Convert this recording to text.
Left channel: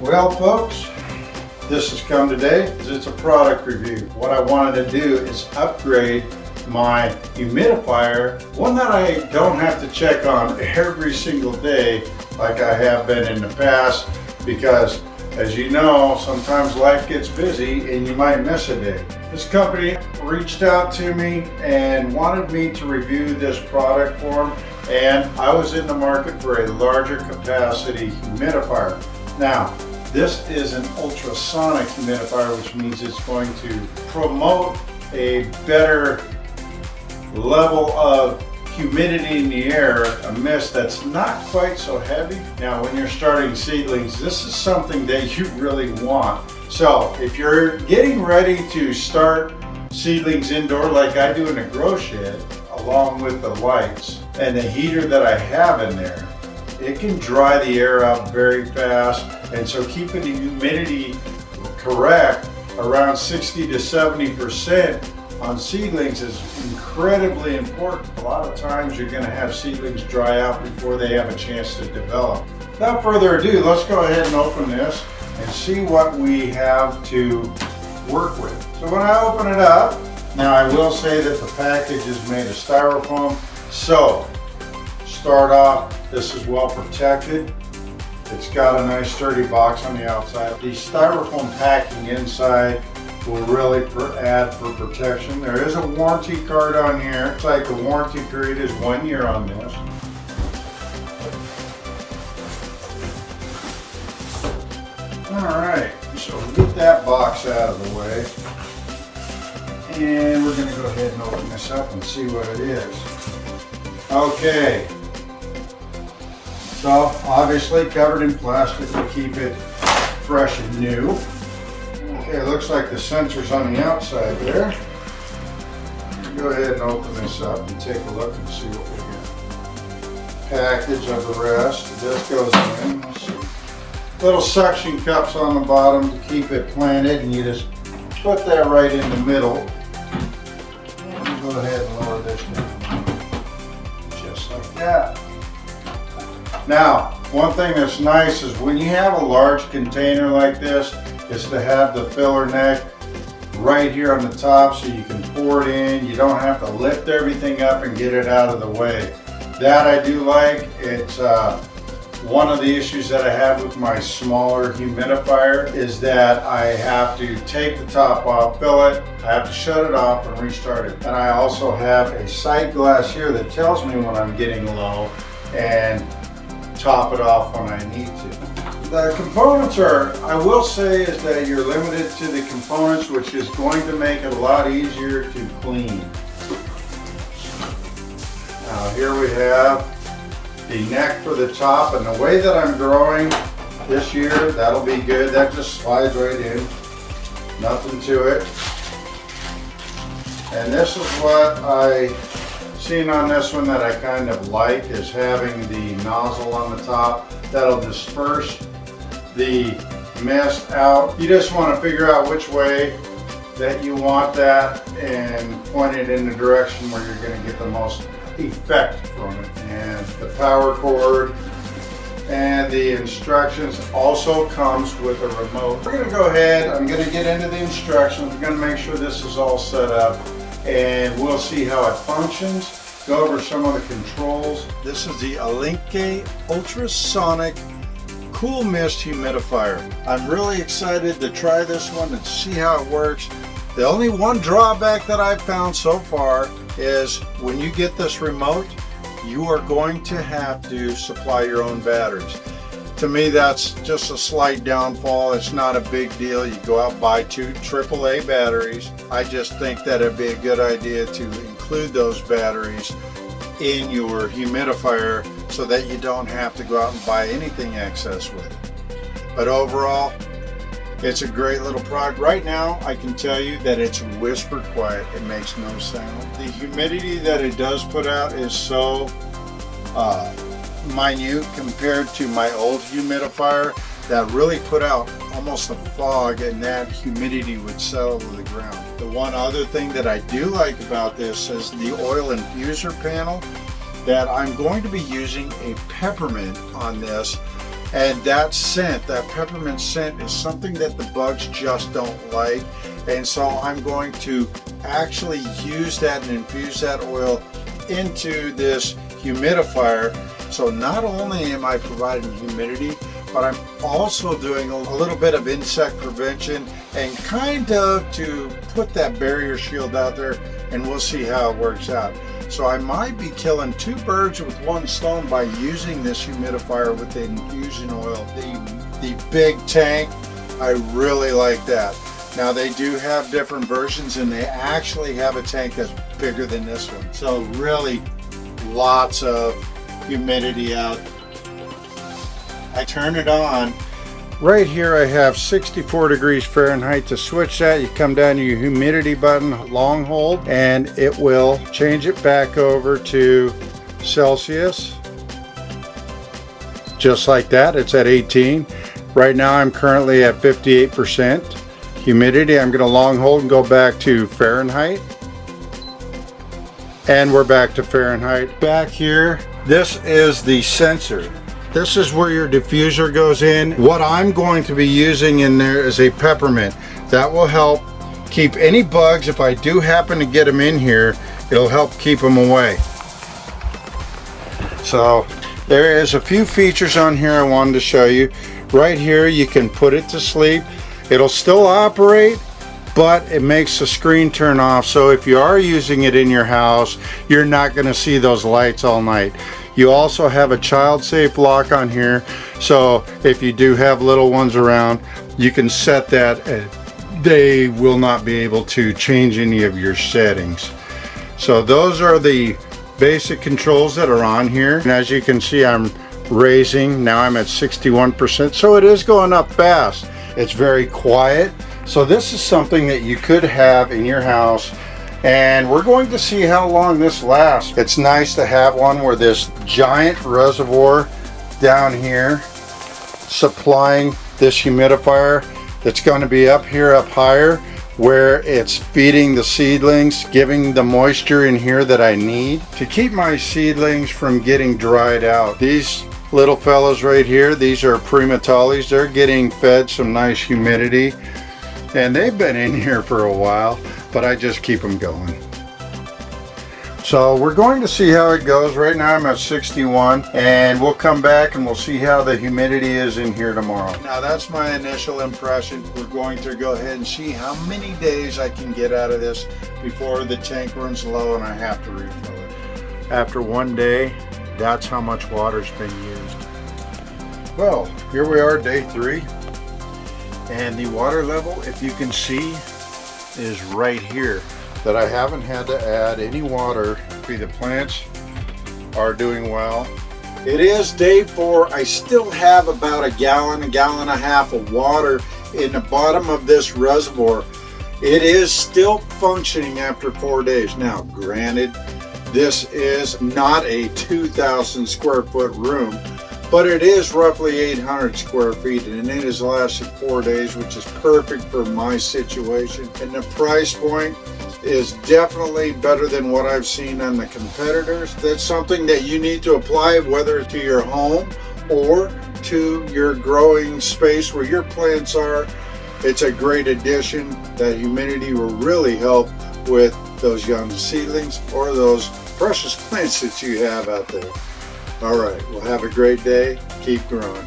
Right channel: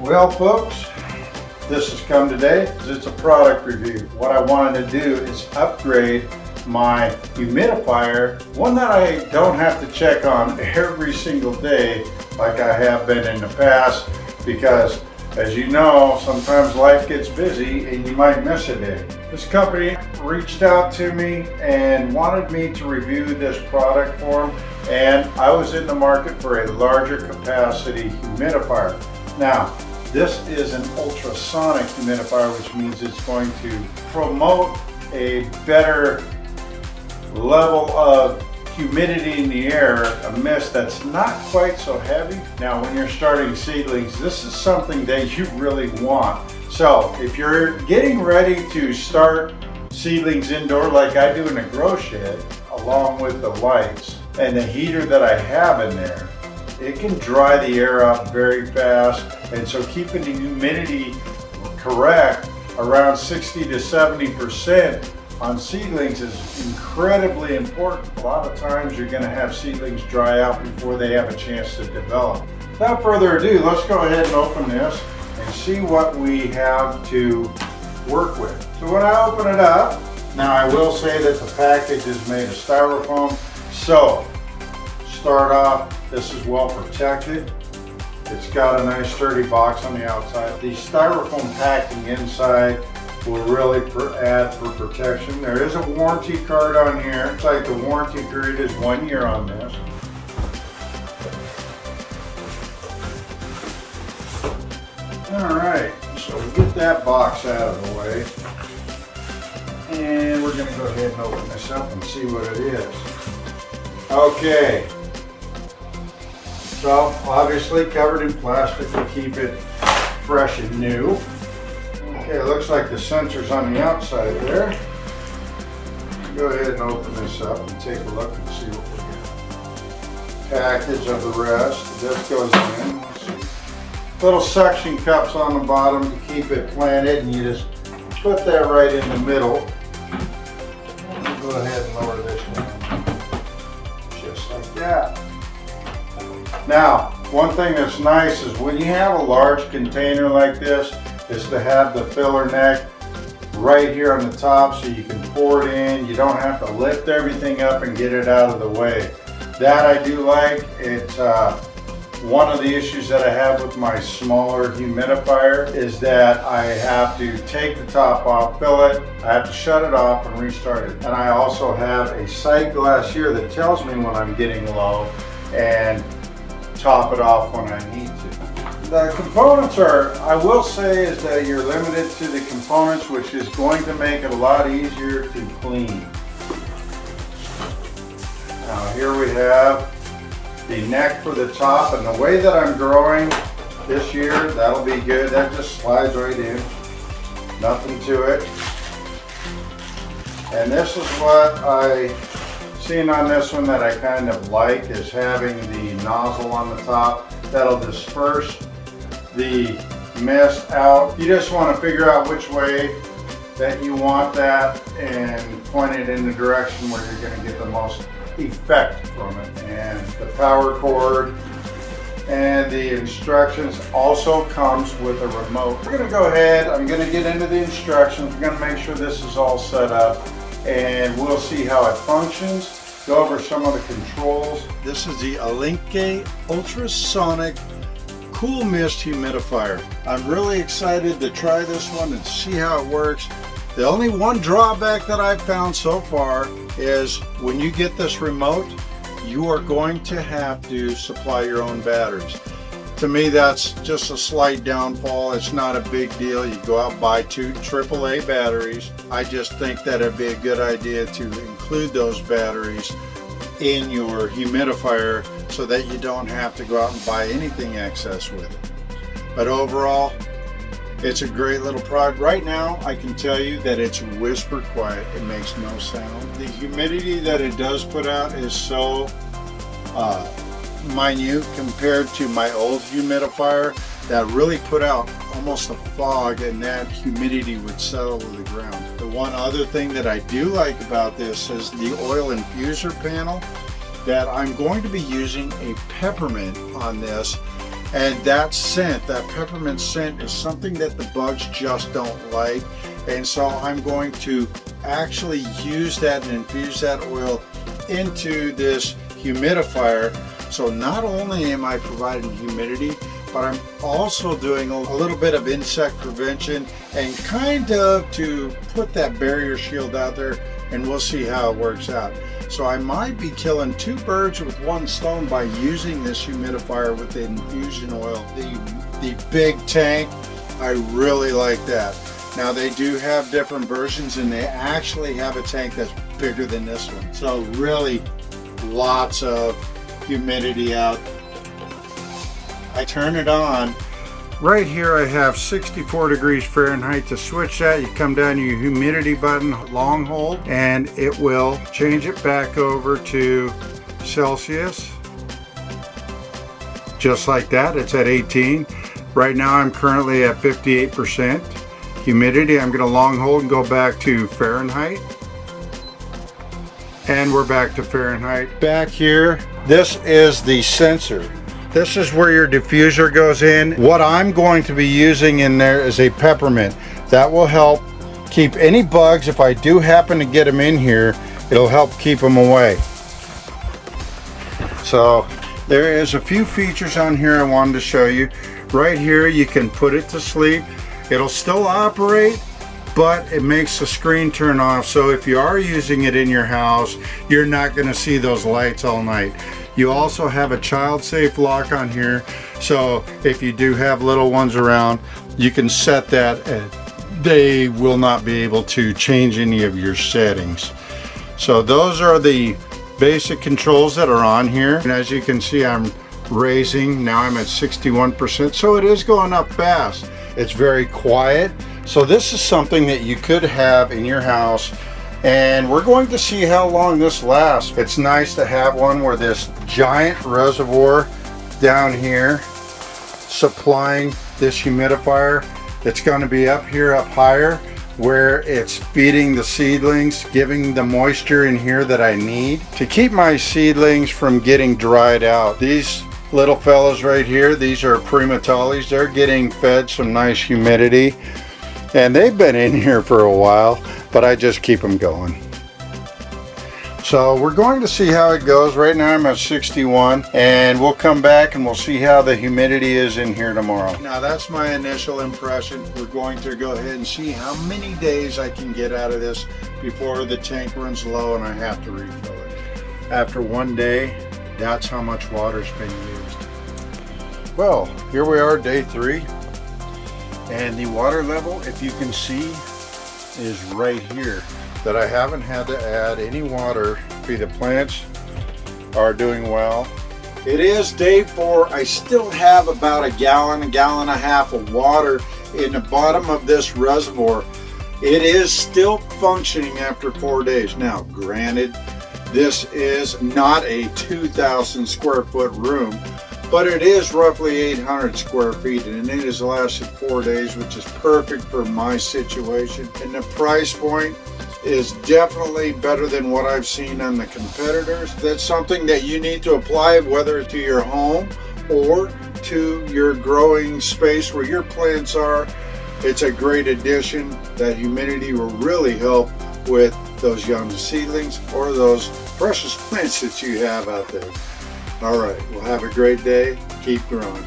Well folks, this has come today. It's a product review. What I wanted to do is upgrade my humidifier, one that I don't have to check on every single day like I have been in the past, because as you know, sometimes life gets busy and you might miss a day. This company reached out to me and wanted me to review this product for them, and I was in the market for a larger capacity humidifier. Now, this is an ultrasonic humidifier, which means it's going to promote a better level of humidity in the air, a mist that's not quite so heavy. Now, when you're starting seedlings, this is something that you really want. So if you're getting ready to start seedlings indoor like I do in the grow shed, along with the lights and the heater that I have in there, it can dry the air out very fast, and so keeping the humidity correct around 60 to 70% on seedlings is incredibly important. A lot of times you're going to have seedlings dry out before they have a chance to develop. Without further ado, let's go ahead and open this and see what we have to work with. So when I open it up, now I will say that the package is made of styrofoam, so start off, this is well protected. It's got a nice sturdy box on the outside. The styrofoam packing inside will really add for protection. There is a warranty card on here. It's like the warranty period is 1 year on this. Alright, so we'll get that box out of the way. And we're going to go ahead and open this up and see what it is. Okay. So obviously covered in plastic to keep it fresh and new. Okay, it looks like the sensor's on the outside there. Go ahead and open this up and take a look and see what we get. Package of the rest. This goes in. Let's see. Little suction cups on the bottom to keep it planted, and you just put that right in the middle. Go ahead and lower this down. Just like that. Now, one thing that's nice is when you have a large container like this, is to have the filler neck right here on the top so you can pour it in. You don't have to lift everything up and get it out of the way. That I do like. It's one of the issues that I have with my smaller humidifier is that I have to take the top off, fill it, I have to shut it off and restart it. And I also have a sight glass here that tells me when I'm getting low and top it off when I need to. The components are, I will say, is that you're limited to the components, which is going to make it a lot easier to clean. Now here we have the neck for the top, and the way that I'm growing this year, that'll be good. That just slides right in, nothing to it. And this is what I seen on this one that I kind of like, is having the nozzle on the top that'll disperse the mist out. You just want to figure out which way that you want that and point it in the direction where you're going to get the most effect from it. And the power cord and the instructions also comes with a remote. We're going to go ahead, I'm going to get into the instructions. I'm going to make sure this is all set up and we'll see how it functions, go over some of the controls. This is the Ailinke Ultrasonic Cool Mist Humidifier. I'm really excited to try this one and see how it works. The only one drawback that I've found so far is when you get this remote, you are going to have to supply your own batteries. To me, that's just a slight downfall. It's not a big deal. You go out and buy 2 AAA batteries. I just think that it'd be a good idea to include those batteries in your humidifier so that you don't have to go out and buy anything excess with it. But overall, it's a great little product. Right now, I can tell you that it's whisper quiet. It makes no sound. The humidity that it does put out is so minute compared to my old humidifier that really put out almost a fog, and that humidity would settle to the ground. The one other thing that I do like about this is the oil infuser panel, that I'm going to be using a peppermint on this And that scent, that peppermint scent, is something that the bugs just don't like. And so I'm going to actually use that and infuse that oil into this humidifier. So not only am I providing humidity, but I'm also doing a little bit of insect prevention and kind of to put that barrier shield out there, and we'll see how it works out. So I might be killing two birds with one stone by using this humidifier with the infusion oil. The big tank, I really like that. Now they do have different versions, and they actually have a tank that's bigger than this one. So really lots of humidity out. I turn it on. Right here I have 64 degrees Fahrenheit. To switch that, you come down to your humidity button, long hold, and it will change it back over to Celsius. Just like that, it's at 18. Right now I'm currently at 58% humidity. I'm going to long hold and go back to Fahrenheit. And we're back to Fahrenheit. Back here, this is the sensor. This is where your diffuser goes in. What I'm going to be using in there is a peppermint. That will help keep any bugs, if I do happen to get them in here, it'll help keep them away. So there is a few features on here I wanted to show you. Right here you can put it to sleep. It'll still operate, but it makes the screen turn off. So if you are using it in your house, you're not going to see those lights all night. You also have a child-safe lock on here, so if you do have little ones around, you can set that and they will not be able to change any of your settings. So those are the basic controls that are on here. And as you can see, I'm raising. Now I'm at 61%, so it is going up fast. It's very quiet. So this is something that you could have in your house, and we're going to see how long this lasts. It's nice to have one where this giant reservoir down here supplying this humidifier that's going to be up here, up higher, where it's feeding the seedlings, giving the moisture in here that I need to keep my seedlings from getting dried out. These little fellows right here, these are primatalis. They're getting fed some nice humidity, and they've been in here for a while, but I just keep them going. So we're going to see how it goes. Right now I'm at 61, and we'll come back and we'll see how the humidity is in here tomorrow. Now that's my initial impression. We're going to go ahead and see how many days I can get out of this before the tank runs low and I have to refill it. After one day, that's how much water's been used. Well, here we are, day 3. And the water level, if you can see, is right here. That I haven't had to add any water. The plants are doing well. It is day 4. I still have about a gallon and a half of water in the bottom of this reservoir. It is still functioning after 4 days. Now, granted, this is not a 2,000 square foot room, but it is roughly 800 square feet, and it has lasted 4 days, which is perfect for my situation. And the price point is definitely better than what I've seen on the competitors. That's something that you need to apply, whether to your home or to your growing space where your plants are. It's a great addition. That humidity will really help with those young seedlings or those precious plants that you have out there. All right, well, have a great day. Keep growing.